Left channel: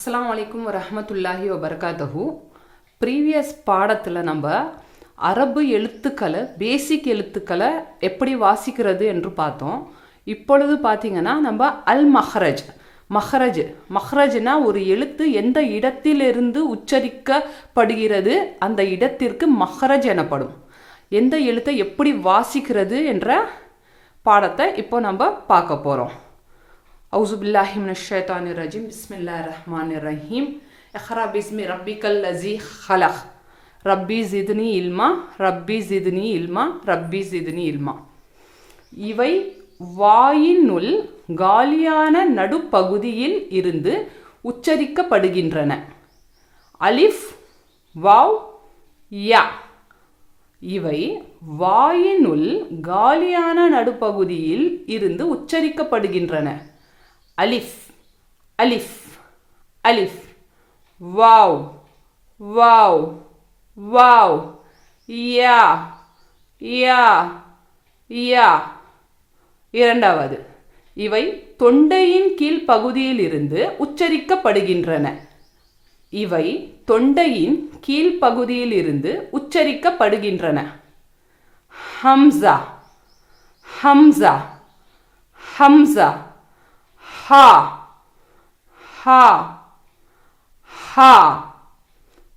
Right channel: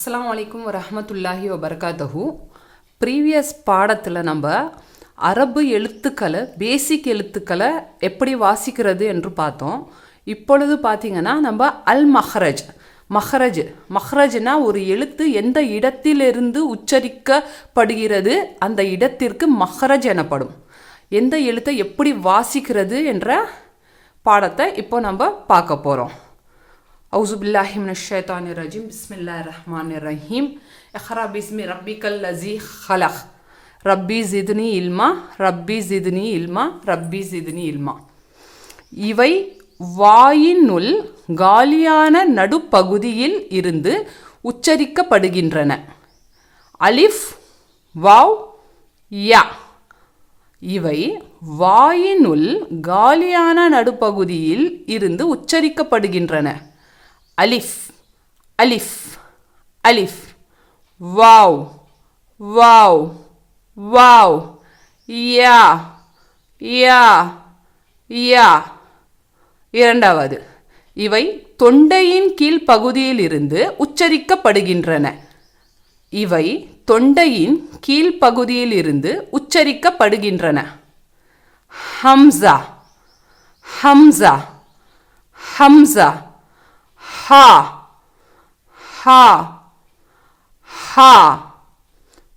அஸ்ஸலாமு அலைக்கும் வரஹ்மத்துல்லாஹி வபரகாத்துஹு. ப்ரீவியஸ் பாடத்தில் நம்ம அரபு எழுத்துக்களை பேசிக் எழுத்துக்களை எப்படி வாசிக்கிறது என்று பார்த்தோம். இப்பொழுது பார்த்திங்கன்னா நம்ம அல் மஹ்ரஜ் மஹ்ரஜ்னா ஒரு எழுத்து எந்த இடத்திலிருந்து உச்சரிக்கப்படுகிறது அந்த இடத்திற்கு மஹ்ரஜ் எனப்படும். எந்த எழுத்தை எப்படி வாசிக்கிறது என்ற பாடத்தை இப்போ நம்ம பார்க்க போகிறோம். أعوذ بالله من الشيطان الرجيم بسم الله الرحمن الرحيم اقرأ باسم ربك الذي خلق ربي زدني علما ربي زدني علما ربي زدني علما. இவை வாயினுள் காலியான நடுப்பகுதியில் இருந்து உச்சரிக்கப்படுகின்றன. அலிஃப் வாவ் யா. இவை வாயினுள் காலியான நடுப்பகுதியில் இருந்து உச்சரிக்கப்படுகின்றன. அலிஃப் அலிஃப் அலிஃப், வாவ் வாவ் வாவ், யா யா யா. இரண்டாவது, இவை தொண்டையின் கீழ் பகுதியில் இருந்து உச்சரிக்கப்படுகின்றன. இவை தொண்டையின் கீழ் பகுதியில் இருந்து உச்சரிக்கப்படுகின்றன. ஹம்சா ஹம்சா ஹம்சா, ஹா ஹா ஹா.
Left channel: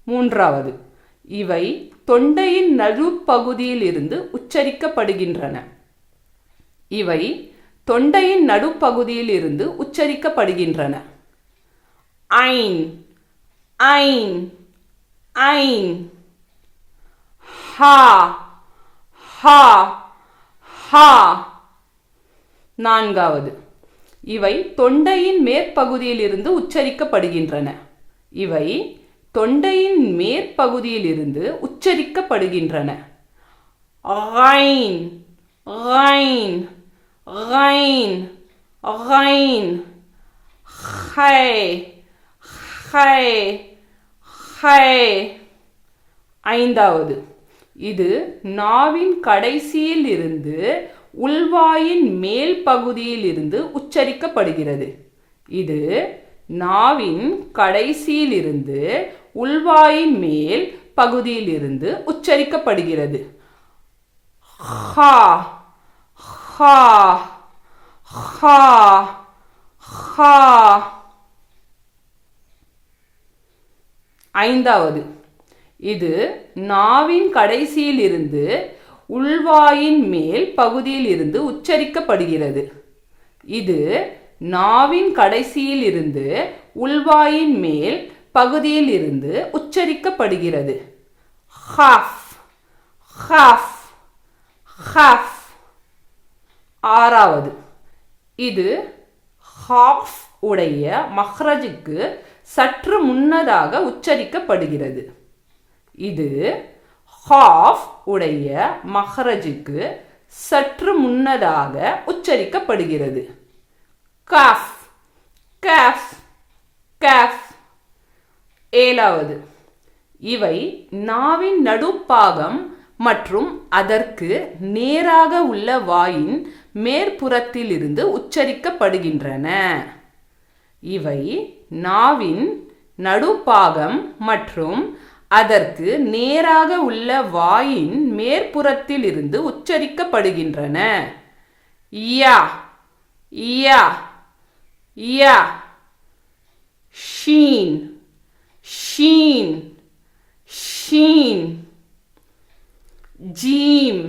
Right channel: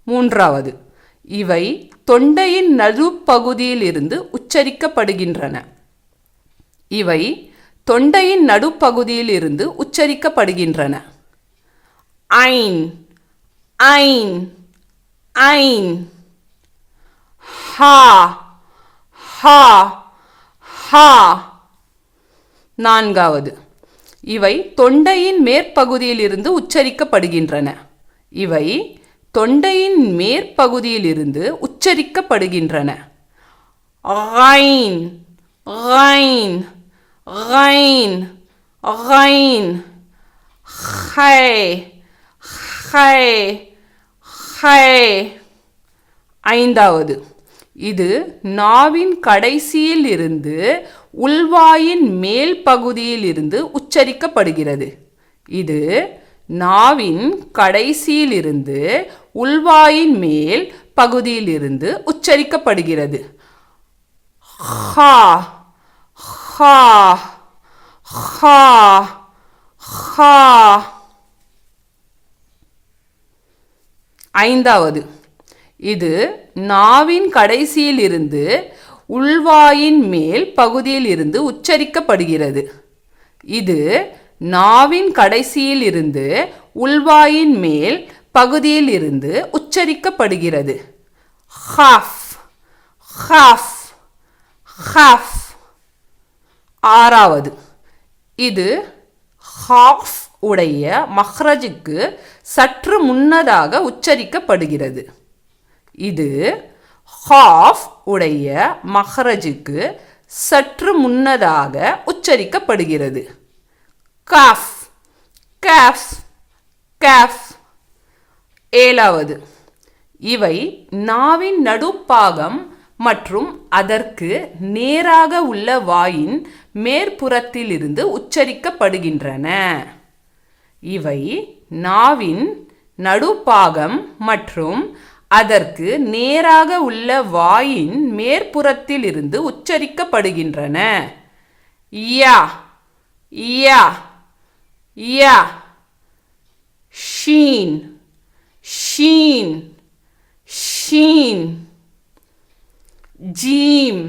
மூன்றாவது, இவை தொண்டையின் நடுப்பகுதியில் இருந்து உச்சரிக்கப்படுகின்றன. இவை தொண்டையின் நடுப்பகுதியில் இருந்து உச்சரிக்கப்படுகின்றன. ஐன் ஐன் ஐன், ஹா ஹா ஹா. நான்காவது, இவை தொண்டையின் மேற்பகுதியில் இருந்து உச்சரிக்கப்படுகின்றன. இவை தொண்டையின் மேற்பகுதியில் இருந்து உச்சரிக்கப்படுகின்றன. ஐன் ஐன் ஐன் ஐன், ஹை ஹை ஹை. ஐந்தாவது, இது நாவின் கடைசியில் இருந்து உள்வாயின் மேல் பகுதியில் இருந்து உச்சரிக்கப்படுகிறது. இது நாவின் கடைசியில் இருந்து உள்வாயின் மேல் பகுதியில் இருந்து உச்சரிக்கப்படுகிறது. ஹா ஹா ஹா ஹா. ஐந்தாவது, இது நாவின் கடைசியில் இருந்து உள்வாயின் மேல் பகுதியில் இருந்து உச்சரிக்கப்படுகிறது. இது நாவின் கடைசியில் இருந்து உள்வாயின் மேல் பகுதியில் இருந்து உச்சரிக்கப்படுகிறது. Half half half. ஆறாவது, இது ஹாஃப் உடைய மஹ்ரஜுக்கு சற்று முன்னதாக உச்சரிக்கப்படுகிறது. இது ஹாஃப் உடைய மஹ்ரஜுக்கு சற்று முன்னதாக உச்சரிக்கப்படுகிறது. Cough cough cough. ஏழாவது, இவை நாவின் நடுப்பாகம் மற்றும் அதற்கு நேராக உள்ள வாயின் மேற்புறத்தில் இருந்து உச்சரிக்கப்படுகின்றன. இவை நாவின் நடுப்பாகம் மற்றும் அதற்கு நேராக உள்ள வாயின் மேற்புறத்தில் இருந்து உச்சரிக்கப்படுகின்றன. யா யா யா. ஷீன் ஷீன் ஷீன். ஜீம்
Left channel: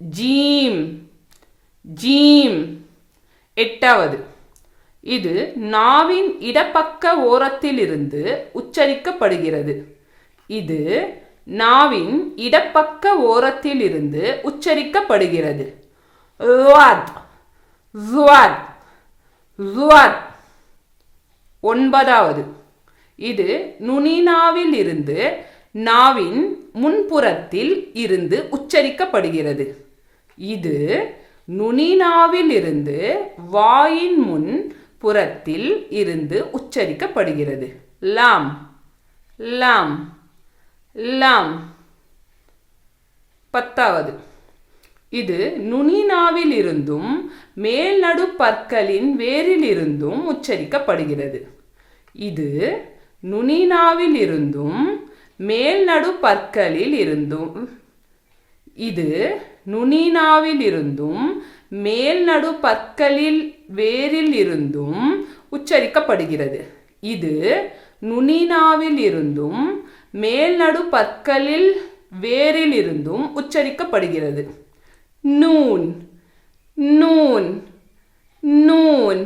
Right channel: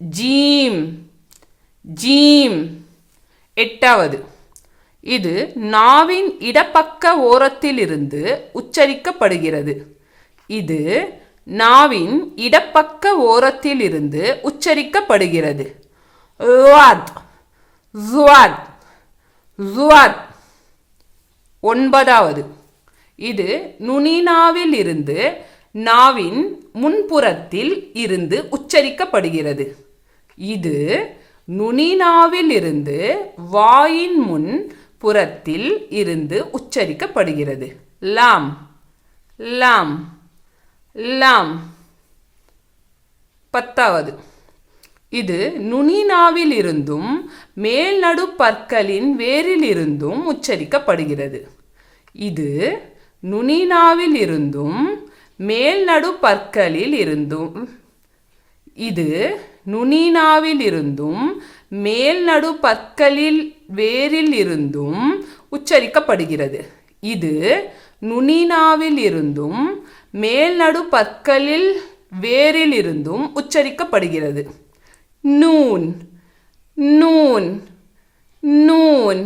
ஜீம் ஜீம். எட்டாவது, இது நாவின் இடப்பக்க ஓரத்தில் இருந்து உச்சரிக்கப்படுகிறது. இது நாவின் இடப்பக்க ஓரத்தில் இருந்து உச்சரிக்கப்படுகிறது. ஸுவாத் ஸுவாத் ஸுவாத். ஒன்பதாவது, இது நுனிநாவில் இருந்து நாவின் முன்புறத்தில் இருந்து உச்சரிக்கப்படுகிறது. இது நுனிநாவில் இருந்து வாயின் முன் புறத்தில் இருந்து உச்சரிக்கப்படுகிறது. லாம் லாம் லாம். பத்தாவது, இது நுனிநாவில் இருந்தும் மேல் நடு பற்களின் வேரிலிருந்தும் உச்சரிக்கப்படுகிறது. இது நுனிநாவில் இருந்தும் மேல் நடு பற்களில் இருந்தும் இது நுனிநாவில் இருந்தும் மேல் நடு பற்களில் வேரில் இருந்தும் உச்சரிக்கப்படுகிறது. இது நுனிநாவில் இருந்தும் மேல் நடு பற்களில் வேரில் இருந்தும் உச்சரிக்கப்படுகிறது. நூன் நூன் நூன்.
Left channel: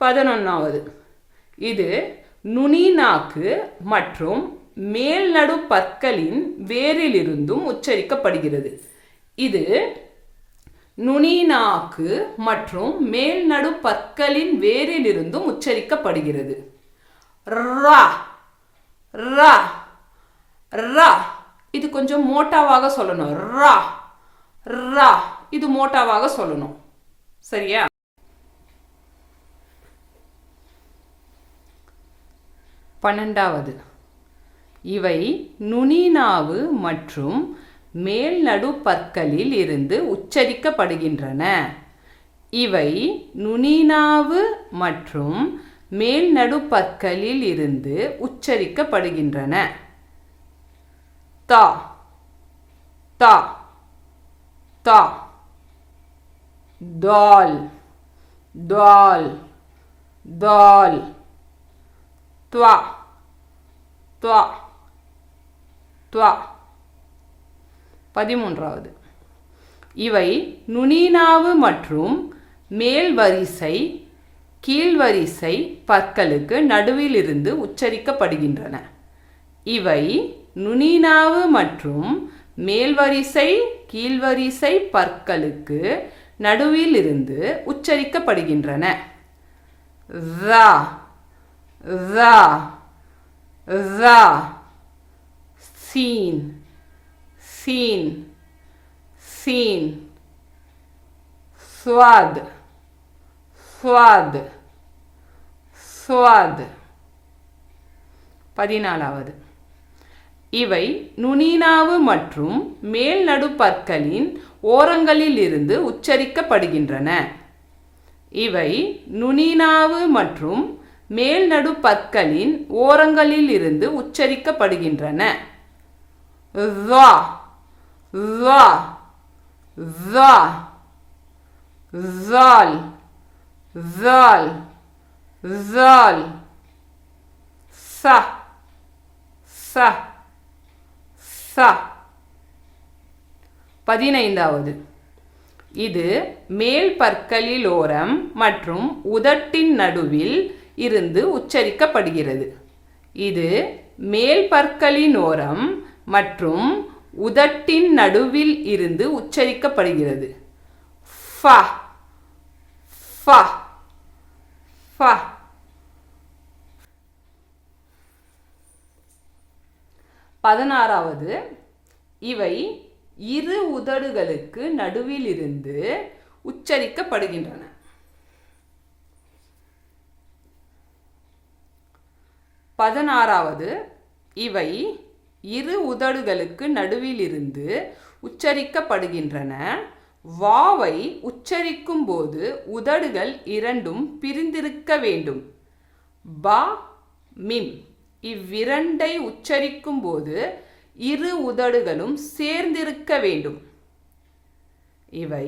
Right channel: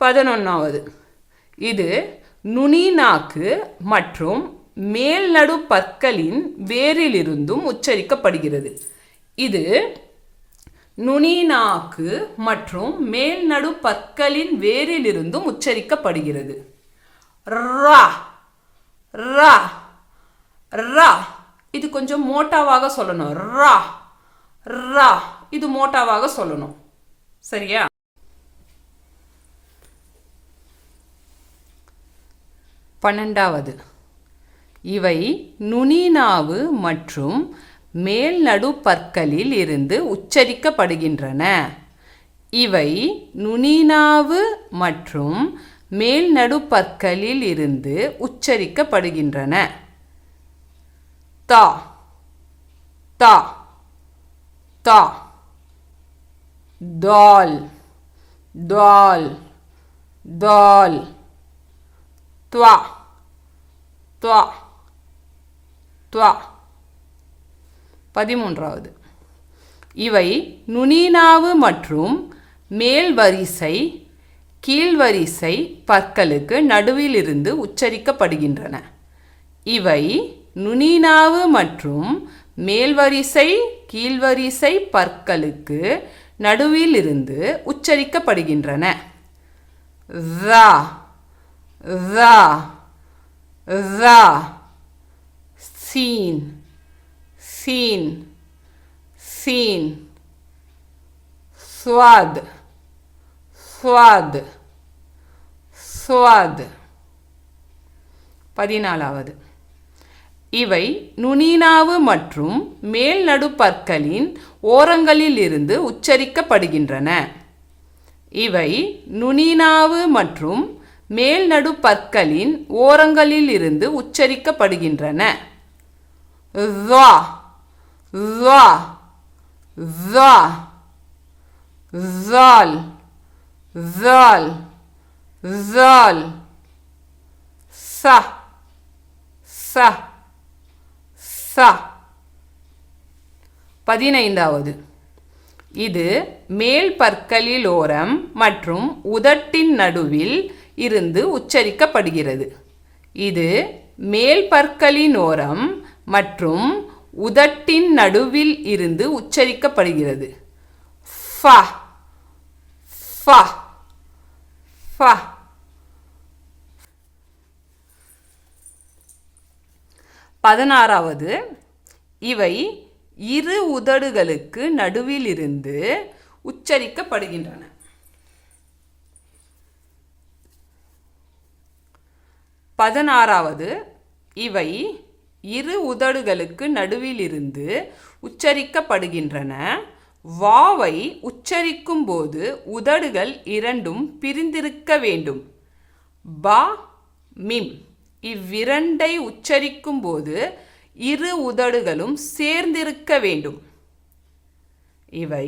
11வது இது நுனி நாக்கு மற்றும் மேல் நடு பற்களின் வேரில் இருந்தும் உச்சரிக்கப்படுகிறது. இது நுனி நாக்கு மற்றும் மேல் நடு பற்களின் வேரில் இருந்தும் உச்சரிக்கப்படுகிறது. ரா ரா ரா. இது கொஞ்சம் மோட்டாவாக சொல்லணும். ரா ரா. இது மோட்டாவாக சொல்லணும். சரியா? 12வது இவை நுனிநாவு மற்றும் மேல் நடு பற்களில் இருந்து உச்சரிக்கப்படுகின்றன. இவை நுனிநாவு மற்றும் மேல் நடு பற்களில் இருந்து உச்சரிக்கப்படுகின்றன. தா தா தா. தால் தால் தால். துவா துவா துவா. 13வது இவை நுனிநாவு மற்றும் மேல் வரிசை கீழ்வரிசை பற்களுக்கு நடுவில் இருந்து உச்சரிக்கப்படுகின்றன. இவை நுனிநாவு மற்றும் மேல்வரிசை கீழ்வரிசை பற்களுக்கு நடுவில் இருந்து உச்சரிக்கப்படுகின்றன. ரா ரா ரா. சீன் சீன் சீன். ஸ்வாத் ஸ்வாத் ஸ்வாத். 14வது இவை நுனிநாவு மற்றும் மேல் நடு பற்களின் ஓரங்களில் இருந்து உச்சரிக்கப்படுகின்றன. இவை நுனிநாவு மற்றும் மேல் நடு பற்களின் ஓரங்களில் இருந்து உச்சரிக்கப்படுகின்றன. வா வா வா. ஜால் ஜால் ஜால். ச ச ச. 15வது இது மேல் பற்களில் ஓரம் மற்றும் உதட்டின் நடுவில் இருந்து உச்சரிக்கப்படுகிறது. இது மேல் பற்களின் ஓரம் மற்றும் உதட்டின் நடுவில் இருந்து உச்சரிக்கப்படுகிறது. ஃப ஃப ஃப. 16வது இவை இரு உதடுகளுக்கு நடுவில் இருந்து உச்சரிக்கப்படுகின்றன. 16வது இவை இரு உதடுகளுக்கு நடுவில் இருந்து உச்சரிக்கப்படுகின்றன. வாவை உச்சரிக்கும் போது உதடுகள் இரண்டும் பிரிந்திருக்க வேண்டும். பா மிம். இவ்விரண்டை உச்சரிக்கும் போது இரு உதடுகளும் சேர்ந்திருக்க வேண்டும். இவை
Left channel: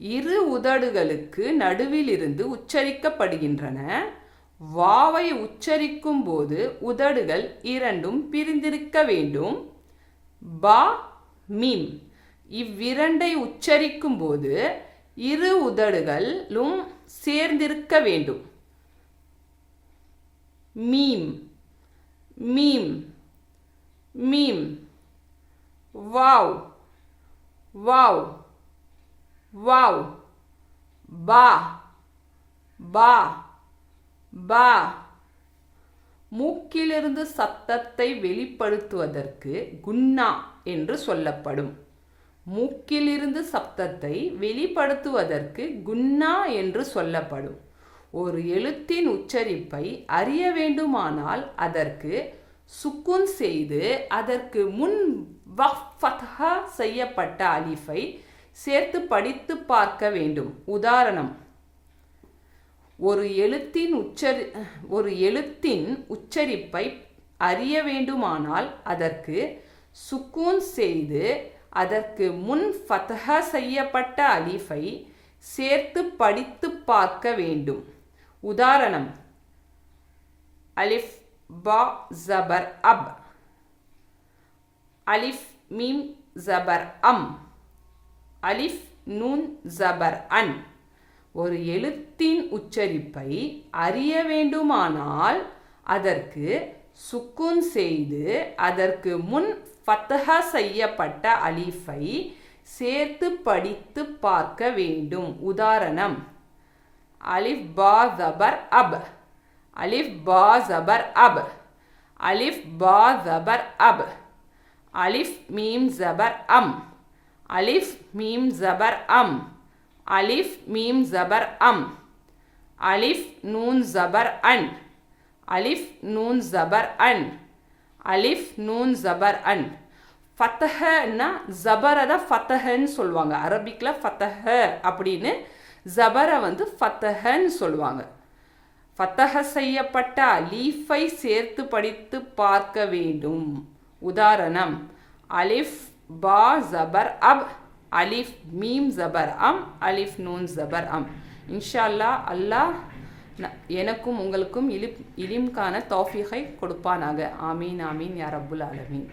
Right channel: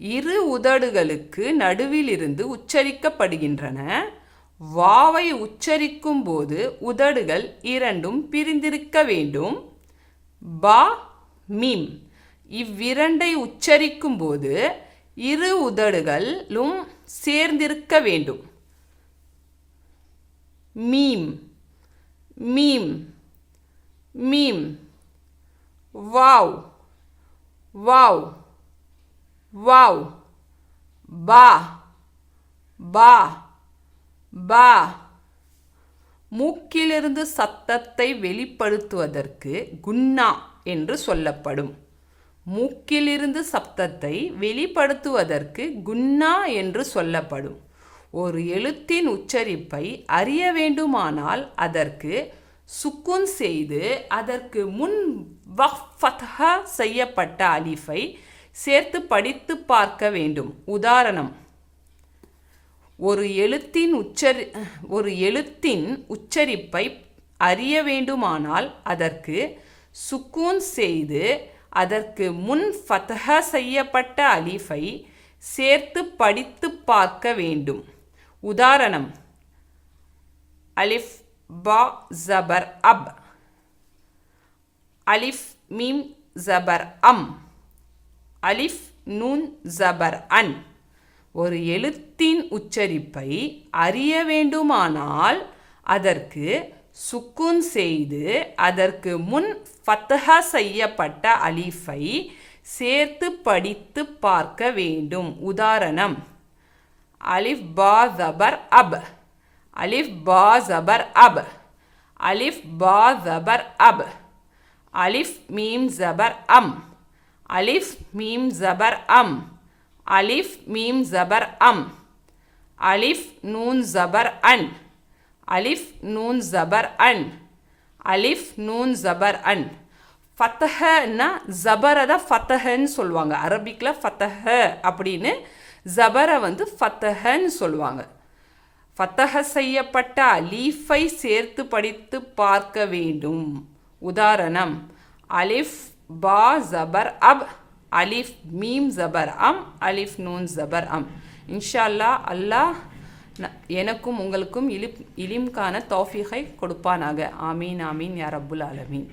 இரு உதடுகளுக்கு நடுவில் இருந்து உச்சரிக்கப்படுகின்றன. வாவை உச்சரிக்கும் போது உதடுகள் இரண்டும் பிரிந்திருக்க வேண்டும். பா மிம். இவ்விரண்டை உச்சரிக்கும் போது இரு உதடுகளும் சேர்ந்திருக்க வேண்டும். Meme meme meme. Wow wow wow. பா பா பா. மூக்கிலிருந்து சத்தத்தை வெளிப்படுத்துவதற்கு குன்னா என்று சொல்லப்படும். மூக்கிலிருந்து சப்தத்தை வெளிப்படுத்துவதற்கு குன்னா என்று சொல்லப்படும். ஒரு எழுத்தின் உச்சரிப்பை அறிய வேண்டுமானால் அதற்கு சுக்குன் செய்து அதற்கு முன் ஃபத்ஹா செய்யப்பட்ட அலிஃபை சேர்த்து படித்து பார்க்க வேண்டும். உதாரணம்: ஒரு எழுத்தின் உச்சரிப்பை அறிய வேண்டுமானால் அதற்கு சுக்கூன் செய்து அதற்கு முன் ஃபத்ஹ செய்யப்பட்ட அலிஃபை சேர்த்து படித்து பார்க்க வேண்டும். உதாரணம்: அலிஃப் பா ஜபர் அப், அலிஃப் மீம் ஜபர் அம், அலிஃப் நூன் ஜபர் அன். ஒரு எழுத்தின் உச்சரிப்பை அறிய வேண்டுமானால் அதற்கு சுக்கூன் செய்து அதற்கு முன் ஃபத்ஹா செய்யப்பட்ட அலிஃபை சேர்த்து படித்து பார்க்க வேண்டும். உதாரணம்: அலிஃப் பா ஜபர் அப், அலிஃப் பா ஜபர் அப், அலிஃப் பா ஜபர் அப், அலிஃப் மீம் ஜபர் அம், அலிஃப் மீம் ஜபர் அம், அலிஃப் மீம் ஜபர் அம், அலிஃப் நூன் ஜபர் அன், அலிஃப் நூன் ஜபர் அன், அலிஃப் நூன் ஜபர் அன். ஃபத்தஹன்னா ஜபரை தான் ஃபத்தஹன்னு சொல்லுவாங்க. அரபிக்கில் ஃபத்தஹ அப்படின்னு ஜபரை ஃபத்தஹன்னு சொல்லுவாங்க. ஃபத்தஹ செய்யப்பட்ட அலீஃபை சேர்த்து படித்து பார்க்க வேண்டும். உதாரணம்: அலிஃப் பா ஜபர் அப், அலிஃப் மீம் ஜபர் அம், அலிஃப் நூன் ஜபர் அம். இன்ஷா அல்லாஹ் அல்லாஹ் எனக்கும் உங்களுக்கும் இலிம்கான தௌஃபீகை கொடுப்பானாக. ஆமீன் ஆமீன் யா ரப்புல் ஆலமீன்.